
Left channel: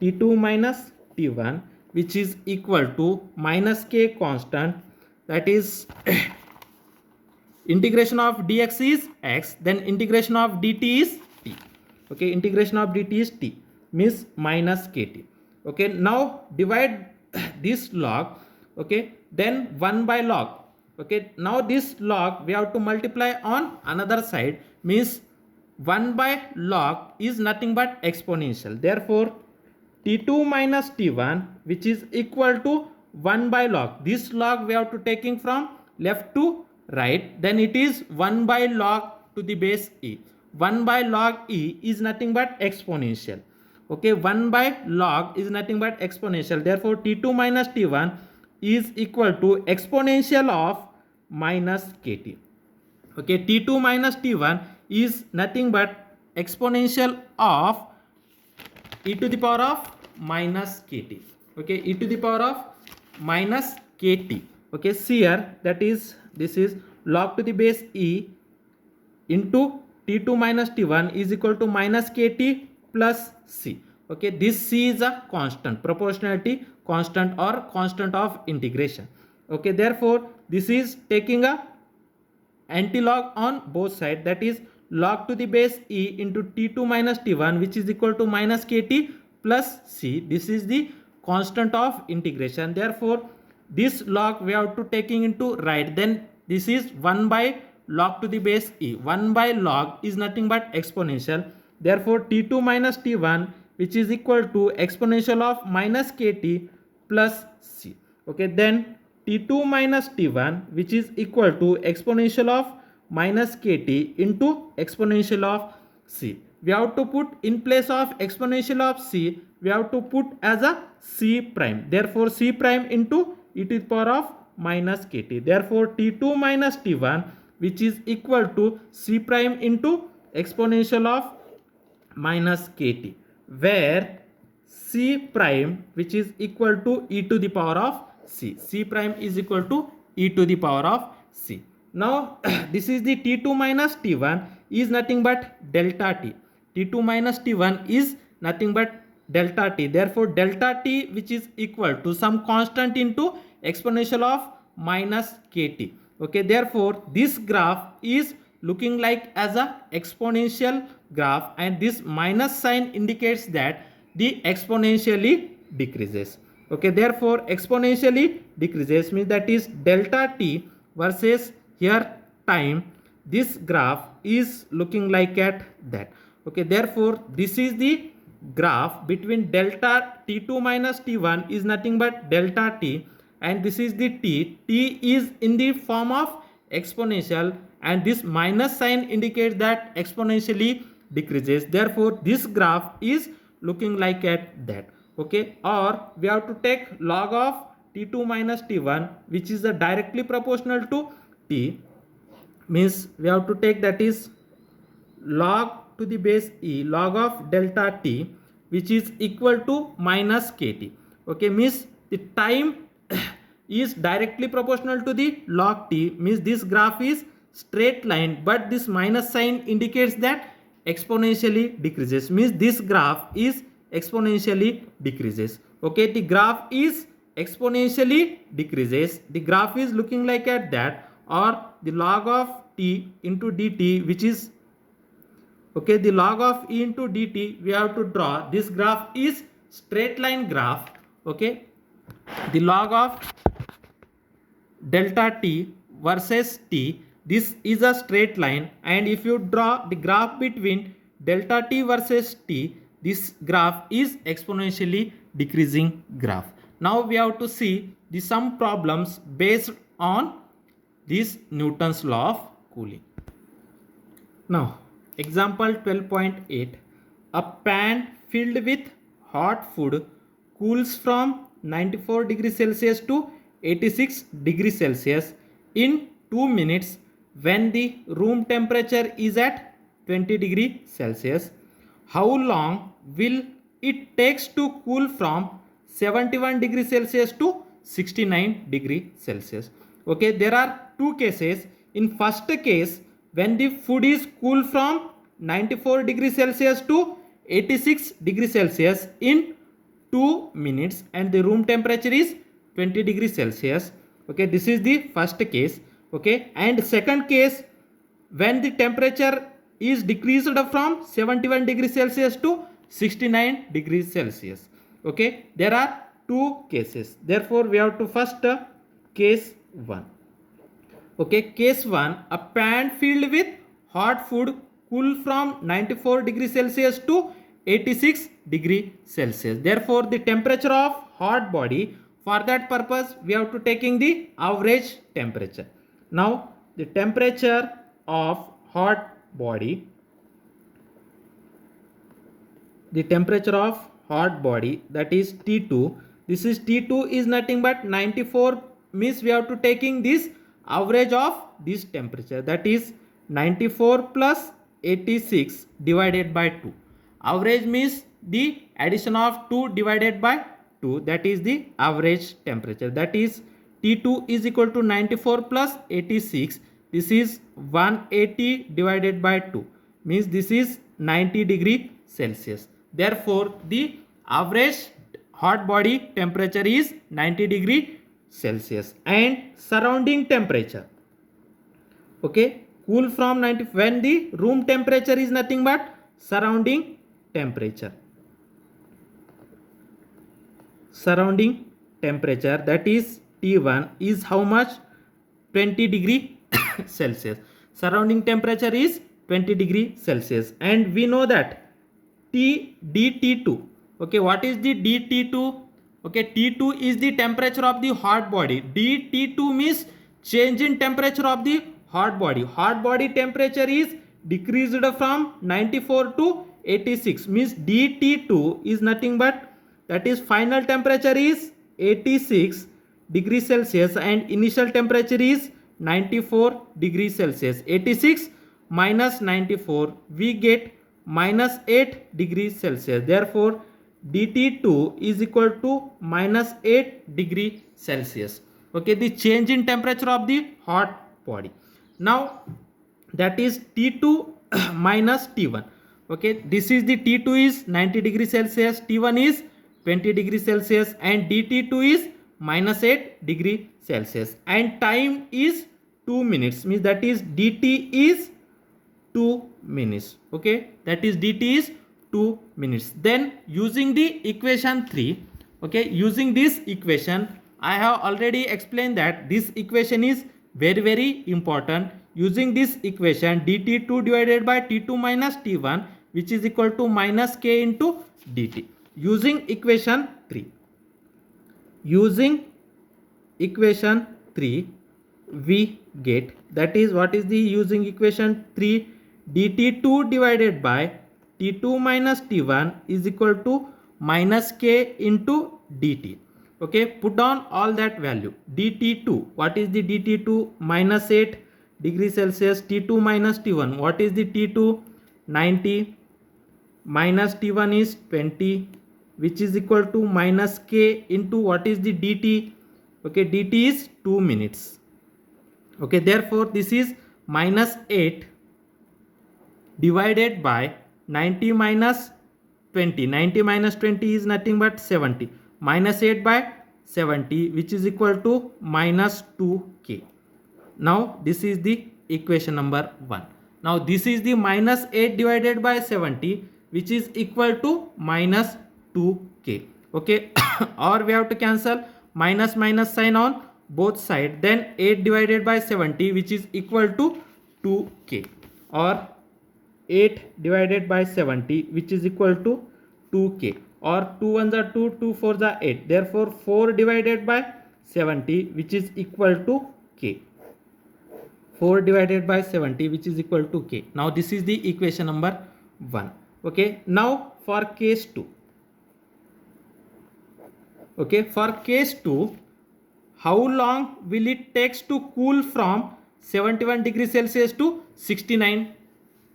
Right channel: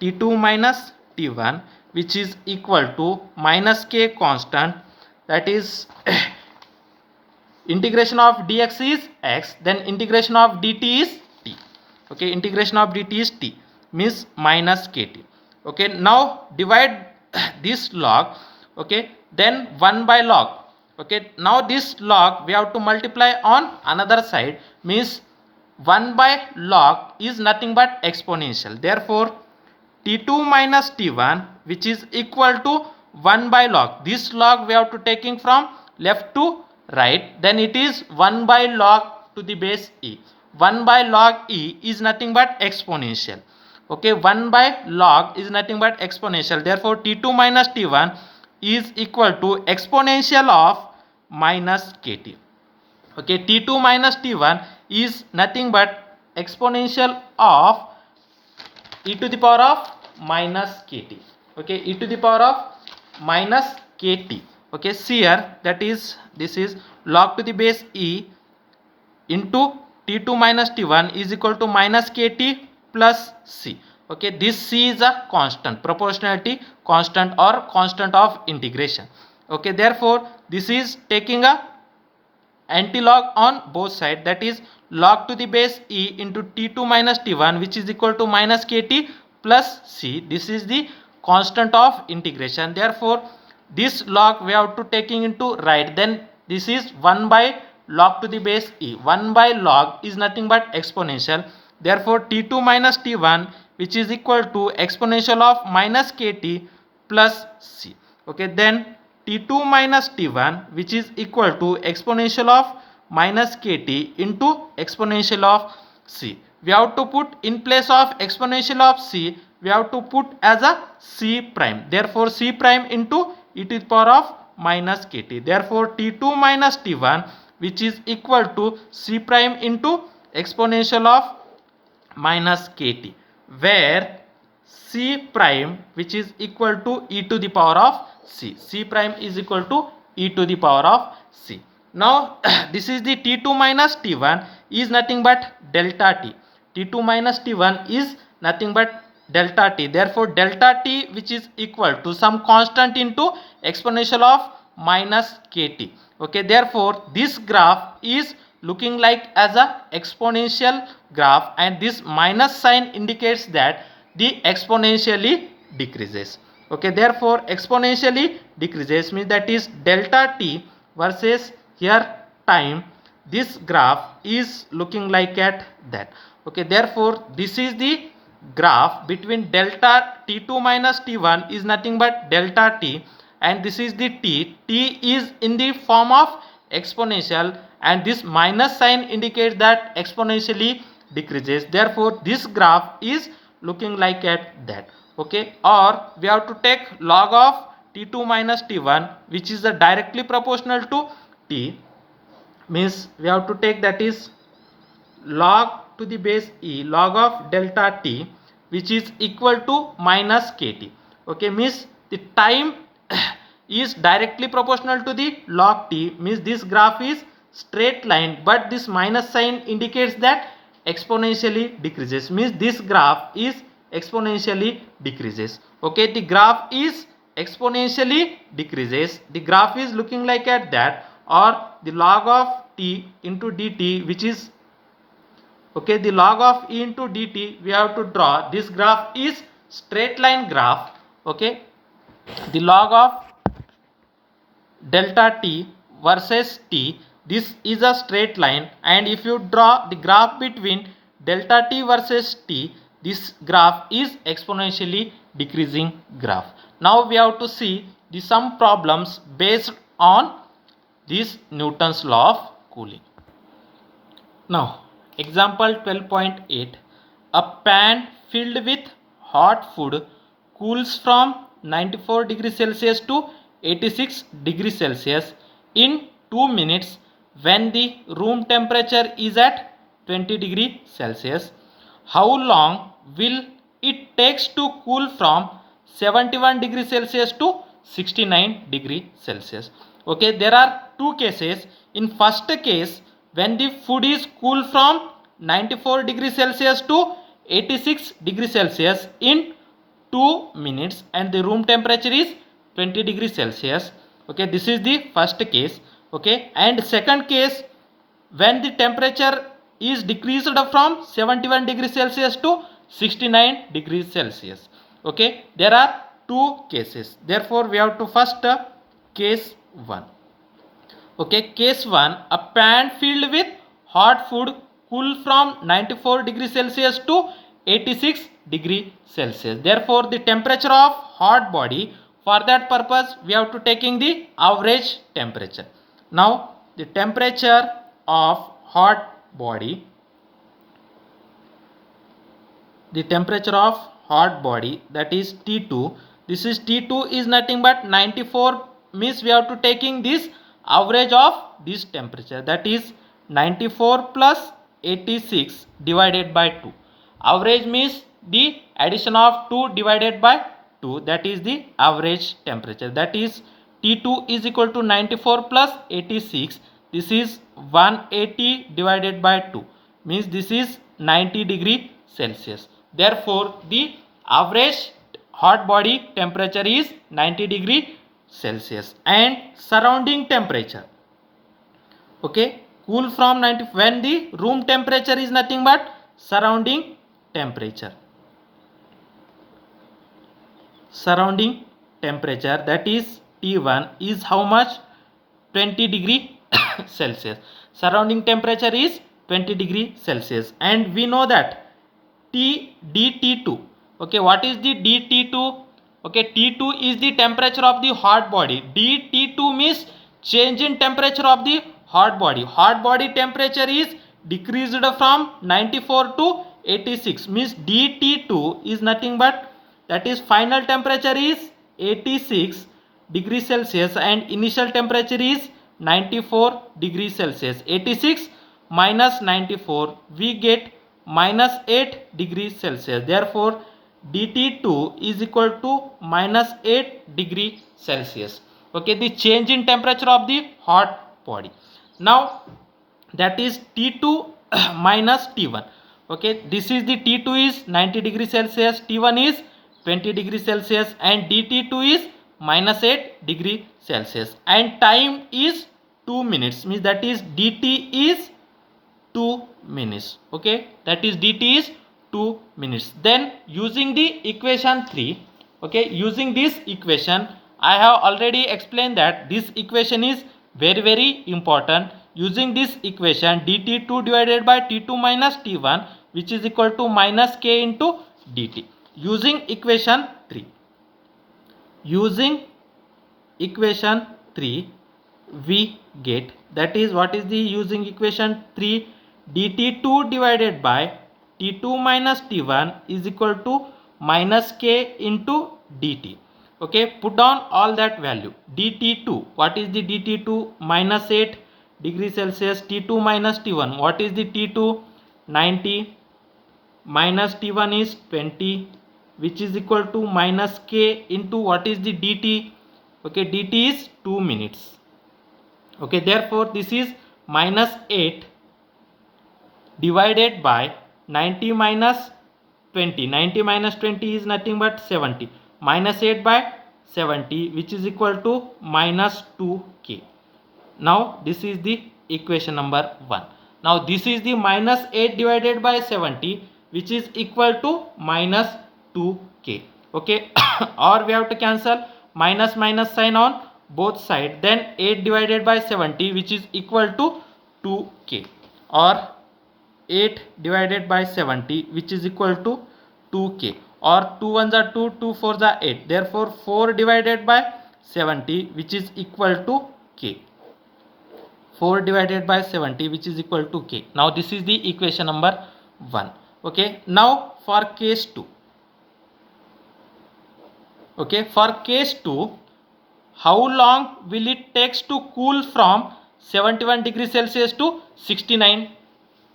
t2 minus t1, which is equal to minus k constant, that is integration of dx is x, then integration of dt is t. Okay, integration of dt is t, means minus kt. Okay, now divide this log. Okay, then 1 by log. Okay, now this log we have to multiply on another side, means 1 by log is nothing but exponential, therefore t2 minus t1, which is equal to 1 by log, this log we have to taking from left to right, then it is 1 by log to the base e. 1 by log e is nothing but exponential. Okay, 1 by log is nothing but exponential, therefore t2 minus t1 is equal to exponential of minus kt. Okay, t2 minus t1 is nothing but exponential of e to the power of minus kt. Okay, e to the power of minus kt. Okay, see here, that is this is log to the base e into t2 minus t1 is equal to minus kt plus c. Okay, this c is a constant, proportionality constant or constant of integration. Okay, therefore this is taking a anti-log on both sides, that is log to the base e into t2 minus t1, which is equal to minus kt plus c. This is the constant of integration, therefore this log we have to taking into right, then this is 1 by log to the base e. 1 by log is nothing but exponential, therefore t2 minus t1, which is equal to exponential of minus kt plus c. Okay, then t2 minus t1, which is equal to exponential of minus kt into exponential of c. We have to put in place of exponential of c, we have to put as a c prime, therefore c prime into e to the power of minus kt, therefore t2 minus t1, which is equal to c prime into exponential of minus kt, where c prime, which is equal to e to the power of c, c prime is equal to e to the power of c. Now this is the t2 minus t1 is nothing but delta t, t2 minus t1 is nothing but delta t, therefore delta t, which is equal to some constant into exponential of minus kt. Okay, therefore this graph is looking like as a exponential graph, and this minus sign indicates that the exponentially decreases. Okay, therefore exponentially decreases means that is delta t versus here time, this graph is looking like at that. Okay, therefore this is the graph between delta t2 minus t1 is nothing but delta t, and this is the t is in the form of exponential, and this minus sign indicates that exponentially decreases. Therefore, this graph is looking like at that. Okay, or we have to take log of t2 minus t1, which is directly proportional to t, means we have to take that is log to the base e log of delta t, which is equal to minus kt. Okay, means the time is directly proportional to the log t, means this graph is straight line, but this minus sign indicates that exponentially decreases, means this graph is exponentially decreases. Okay, the graph is exponentially decreases, the graph is looking like at that, or the log of t into dt, which is okay, the log of e into dt we have to draw. This graph is straight line graph. Okay, the log of delta t versus t, this is a straight line, and if you draw the graph between delta t versus t, this graph is exponentially decreasing graph. Now we have to see the some problems based on this Newton's law of cooling. Now example 12.8, a pan filled with hot food cools from 94 degrees Celsius to 86 degrees Celsius in 2 minutes when the room temperature is at 20 degrees Celsius. How long will it takes to cool from 71 degrees Celsius to 69 degrees Celsius? Okay, there are two cases. In first case, when the food is cool from 94 degrees Celsius to 86 degrees Celsius in 2 minutes and the room temperature is 20 degrees Celsius. Okay, this is the first case. Okay, and second case, when the temperature is decreased from 71 degrees Celsius to 69 degrees Celsius. Okay, there are two cases. Therefore, we have to first case 1. Okay, case 1, a pan filled with hot food cool from 94 degrees Celsius to 86 degree Celsius. Therefore, the temperature of hot body, for that purpose we have to taking the average temperature. Now the temperature of hot body, the temperature of hot body, that is T2. This is T2 is nothing but 94, means we have to taking this average of this temperature, that is 94 plus 86 divided by 2. Average means the addition of 2 divided by 2, that is the average temperature, that is T2 is equal to 94 plus 86. This is 180 divided by 2, means this is 90 degree Celsius. Therefore, the average hot body temperature is 90 degree Celsius. And surrounding temperature, okay, cool from 90, when the room temperature is nothing but surrounding temperature. Surrounding temperature, that is T1 is how much? 20 degree Celsius. Surrounding temperature is 20 degree Celsius, and we know that dT2. Okay, what is the dT2? Okay, T2 is the temperature of the hot body. dT2 means change in temperature of the hot body. Hot body temperature is decreased from 94 to 86, means dT2 is nothing but, that is final temperature is 86 degrees Celsius and initial temperature is 94 degrees Celsius. 86 minus 94, we get minus 8 degrees Celsius. Therefore, dT2 is equal to minus 8 degree Celsius. Okay, the change in temperature of the hot body. Now that is T2 minus T1. Okay, this is the T2 is 90 degrees Celsius, T1 is 20 degrees Celsius, and dT2 is minus 8 degree Celsius, and time is 2 minutes, means that is dt is 2 minutes. Okay, that is dt is 2 minutes. Then using the equation 3, okay, using this equation, I have already explained that this equation is very important. Using this equation, dt2 divided by t2 minus t1, which is equal to minus k into dt. Using equation 3, using equation 3 we get, that is what is the using equation 3, dt2 divided by t2 minus t1 is equal to minus k into dt. Okay, put down all that value. dt2, what is the dt2? Minus 8 degree Celsius. t2 minus t1, what is the t2? 90 minus t1 is 20, which is equal to minus k into what is the dt? Okay, dt is 2 minutes. Okay, therefore this is minus 8 divided by 90 minus 20. 90 minus 20 is nothing but 70. Minus 8 by 70, which is equal to minus 2k. Now this is the equation number 1. Now this is the minus 8 divided by 70, which is equal to minus 2k. Okay, or we have to cancel minus minus sign on both sides. Then 8 divided by 70, which is equal to 2k, or 8 divided by 70, which is equal to 2k, or 2 ones are 2, 2 fours are 8. Therefore 4 divided by 70, which is equal to k. 4 divided by 70, which is equal to k. Now this is the equation number 1. Okay, now for case 2. Okay, for case 2, how long will it takes to cool from 71 degrees Celsius to 69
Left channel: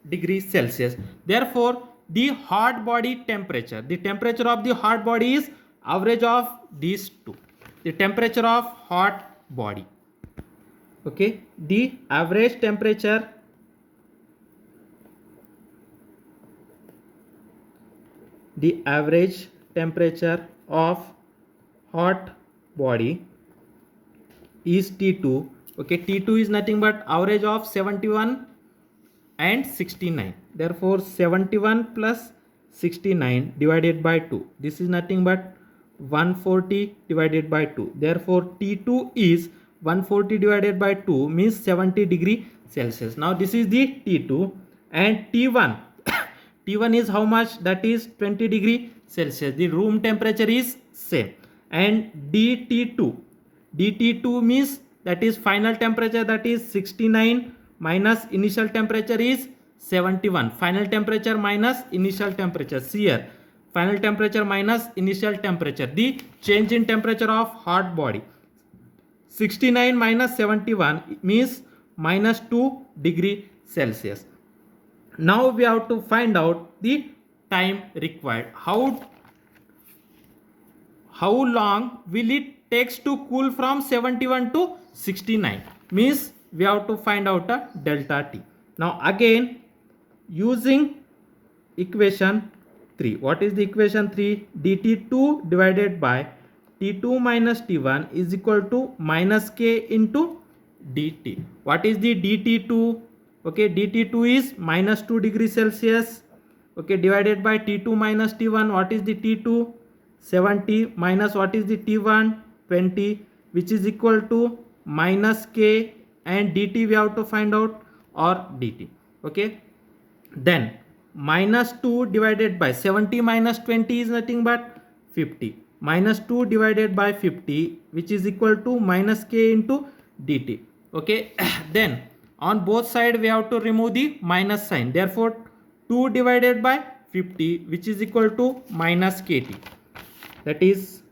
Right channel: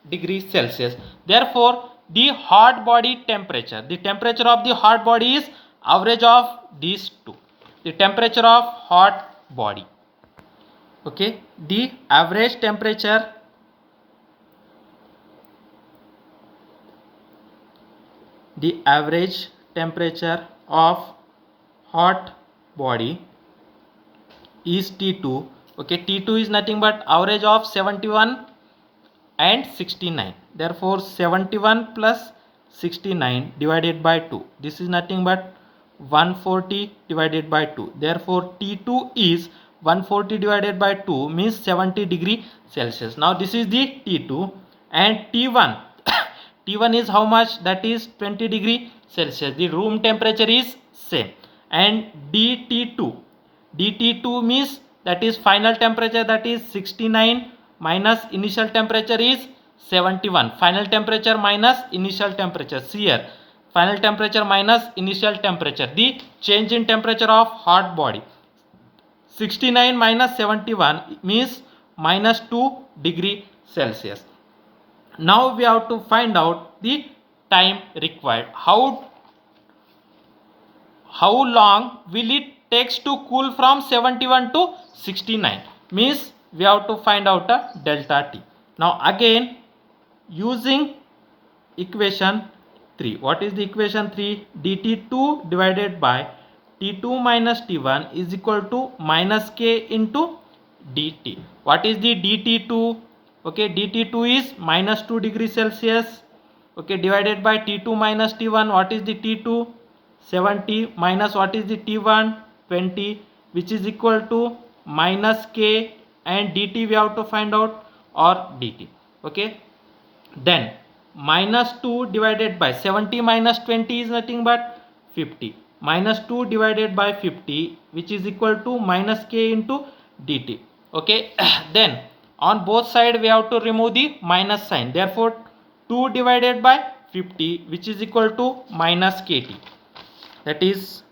degrees Celsius? Therefore the hot body temperature, the temperature of the hot body is average of these two. The temperature of hot body, okay, the average temperature of hot body is T2. Okay, T2 is nothing but average of 71 and 69. Therefore 71 plus 69 divided by 2, this is nothing but 140 divided by 2. Therefore T2 is 140 divided by 2 means 70 degree Celsius. Now this is the T2, and T1 T1 is how much? That is 20 degree Celsius. The room temperature is same. And DT2 means that is final temperature, that is 69 minus initial temperature is 71. Final temperature minus initial temperature. See here, final temperature minus initial temperature, the change in temperature of hot body. 69 minus 71 means minus 2 degree Celsius. Now we have to find out the time required. How long will it takes to cool from 71 to 69? Means we have to find out a delta T. Now again using equation 3. What is the equation 3? dt2 divided by t2 minus t1 is equal to minus k into dt. What is the dt2? Okay, dt2 is minus 2 degrees Celsius. Okay, divided by t2 minus t1. What is the t2? 70 minus what is the t1? 20, which is equal to minus k, and dt we have to find out, or dt. Okay, then minus 2 divided by 70 minus 20 is nothing but 50. Minus 2 divided by 50, which is equal to minus k into dt. Okay, then on both sides we have to remove the minus sign. Therefore 2 divided by 50, which is equal to minus kt. That is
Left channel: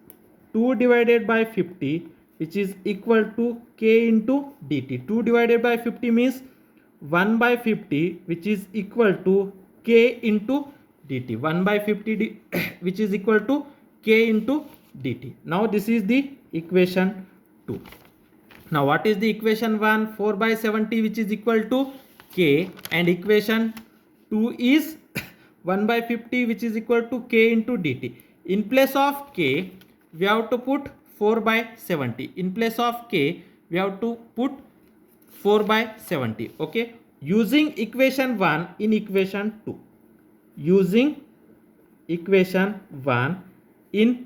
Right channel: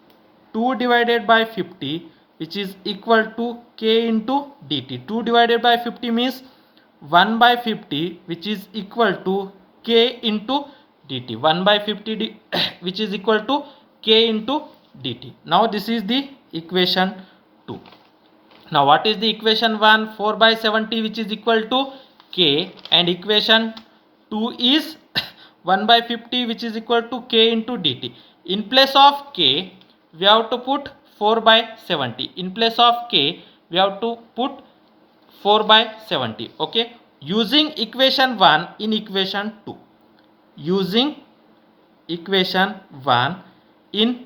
2 divided by 50, which is equal to k into dt. 2 divided by 50 means 1 by 50, which is equal to k into dt. 1 by 50 which is equal to k into dt. Now this is the equation 2. Now what is the equation 1? 4 by 70, which is equal to k, and equation 2 is 1 by 50, which is equal to k into dt. In place of k we have to put 4 by 70. In place of k we have to put 4 by 70. Okay, using equation 1 in equation 2. Using equation 1 in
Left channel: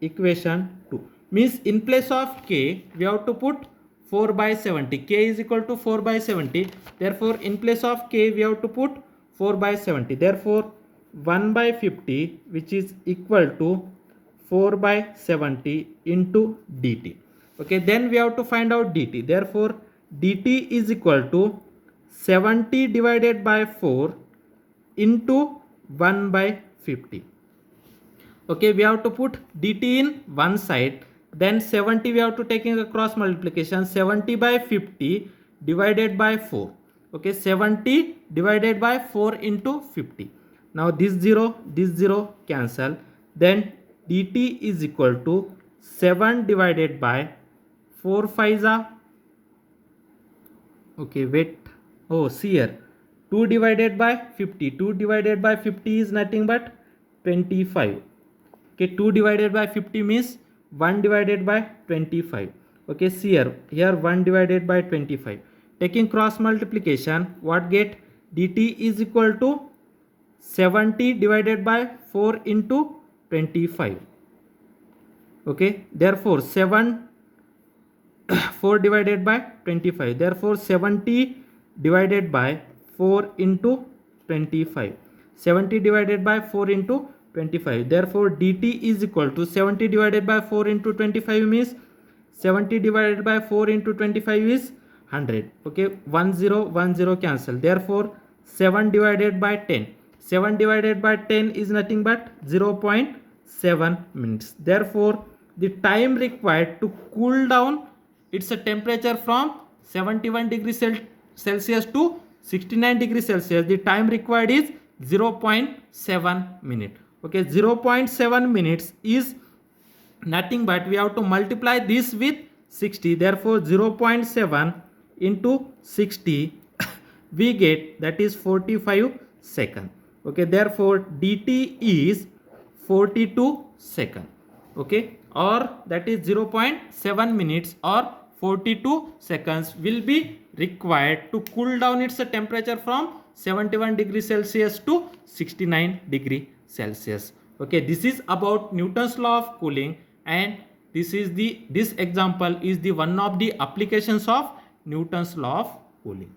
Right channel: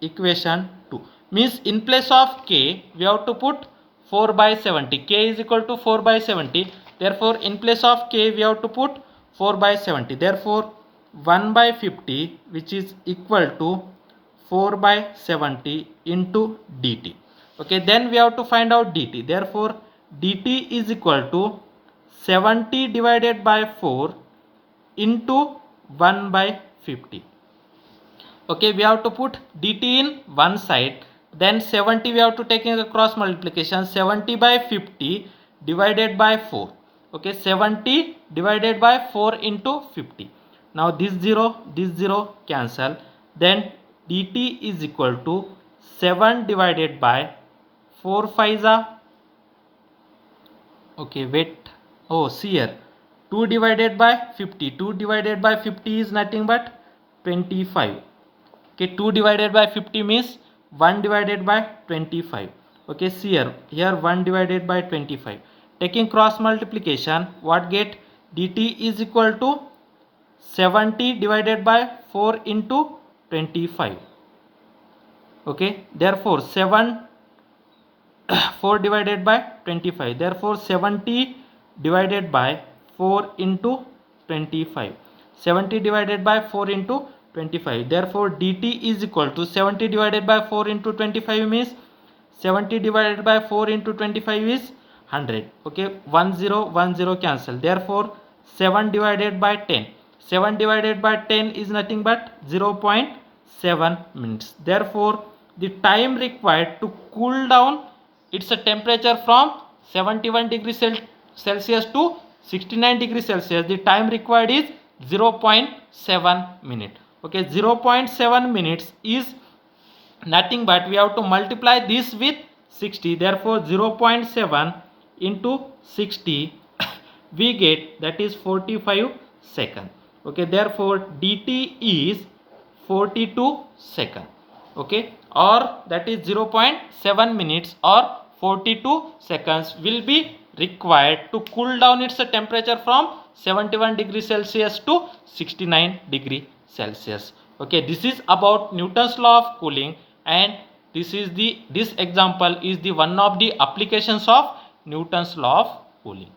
equation 2 means in place of k we have to put 4 by 70. K is equal to 4 by 70. Therefore in place of k we have to put 4 by 70. Therefore 1 by 50, which is equal to 4 by 70 into dt. Okay, then we have to find out dt. Therefore dt is equal to 70 divided by 4 into 1 by 50. Okay, we have to put dt in one side, then 70 we have to take in a cross multiplication, 70 by 50 divided by 4. Okay, 70 divided by 4 into 50. Now this 0 cancel, then dt is equal to 7 divided by 4 5 are, okay wait, oh see here, 2 divided by 50, 2 divided by 50 is nothing but 25. Okay, 2 divided by 50 means 1 divided by 25. Okay, see here 1 divided by 25. Taking cross multiplication, what get, dt is equal to 70 divided by 4 into 25. Okay, therefore 4 divided by 25, therefore 70 divided by 4 into 25, 70 divided by 4 into 25, therefore dt is equal to 70 divided by 4 into 25 means 70 divided by 4 into 25 is 100. Okay, 10 cancel, therefore 7 divided by 10, 7 divided by 10 is nothing but 0.7 minutes. Therefore the time required to cool down its a temperature from 71 degrees Celsius to 69 degrees Celsius, the time required is 0.7 minute. Okay, 0.7 minutes is nothing but we have to multiply this with 60, therefore 0.7 into 60 we get, that is 45 seconds. Okay, therefore dt is 42 seconds. Okay, or that is 0.7 minutes or 42 seconds will be required to cool down its temperature from 71 degrees Celsius to 69 degree Celsius. Okay, this is about Newton's law of cooling, and this example is the one of the applications of Newton's law of cooling.